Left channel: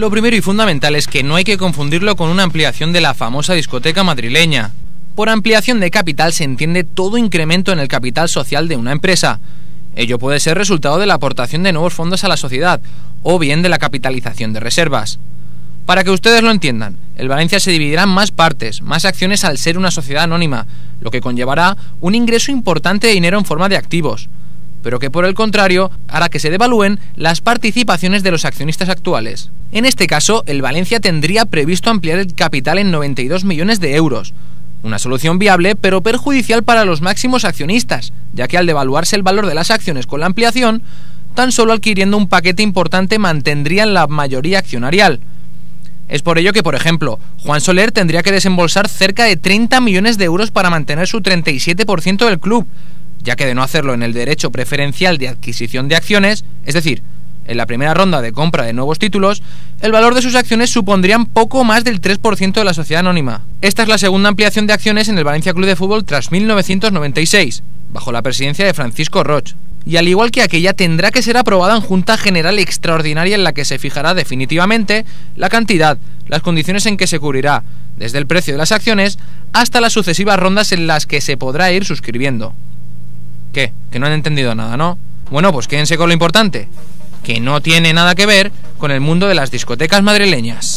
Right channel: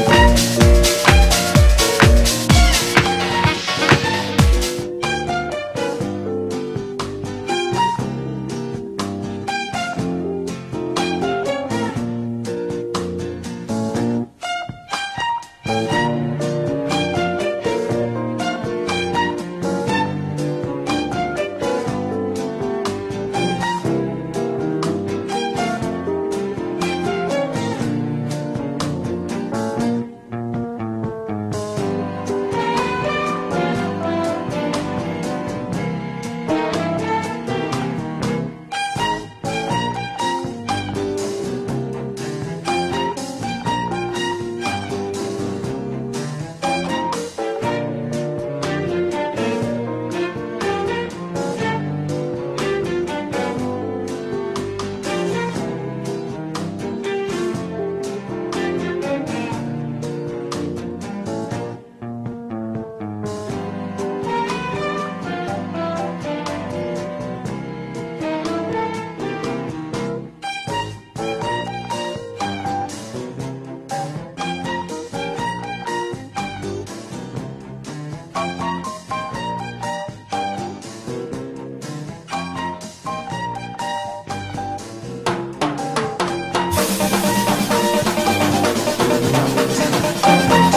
Lo primero y fundamental es que no hay que confundirlo con una ampliación de la famosa discoteca madrileña. Por ampliación de capital se entiende todo incremento en el capital social de una empresa. Ello puede ser resultado de la aportación de nuevos fondos a la sociedad, o bien de la capitalización de reservas. Para que ustedes lo entiendan, el Valencia se dividirá en más partes, más acciones al ser una sociedad anónima, lo que conllevará un ingreso importante de dinero en forma de activos, pero que por el contrario hará que se devalúen las participaciones de los accionistas actuales. En este caso, el Valencia tendría previsto ampliar el capital en 92 millones de euros. Una solución viable, pero perjudicial para los máximos accionistas, ya que al devaluarse el valor de las acciones con la ampliación, tan solo adquiriendo un paquete importante mantendrían la mayoría accionarial. Es por ello que, por ejemplo, Juan Soler tendría que desembolsar cerca de 30 millones de euros para mantener su 37% del club, ya que de no hacerlo en el derecho preferencial de adquisición de acciones, es decir, en la primera ronda de compra de nuevos títulos, el valor de sus acciones supondrían poco más del 3% de la sociedad anónima. Esta es la segunda ampliación de acciones en el Valencia Club de Fútbol tras 1996, bajo la presidencia de Francisco Roig, y al igual que aquella tendrá que ser aprobada en Junta General Extraordinaria en la que se fijará definitivamente la cantidad, las condiciones en que se cubrirá, desde el precio de las acciones hasta las sucesivas rondas en las que se podrá ir suscribiendo. ¿Qué? Que no han entendido nada, ¿no? Bueno, pues quédense con lo importante, que no tiene nada que ver con el mundo de las discotecas madrileñas.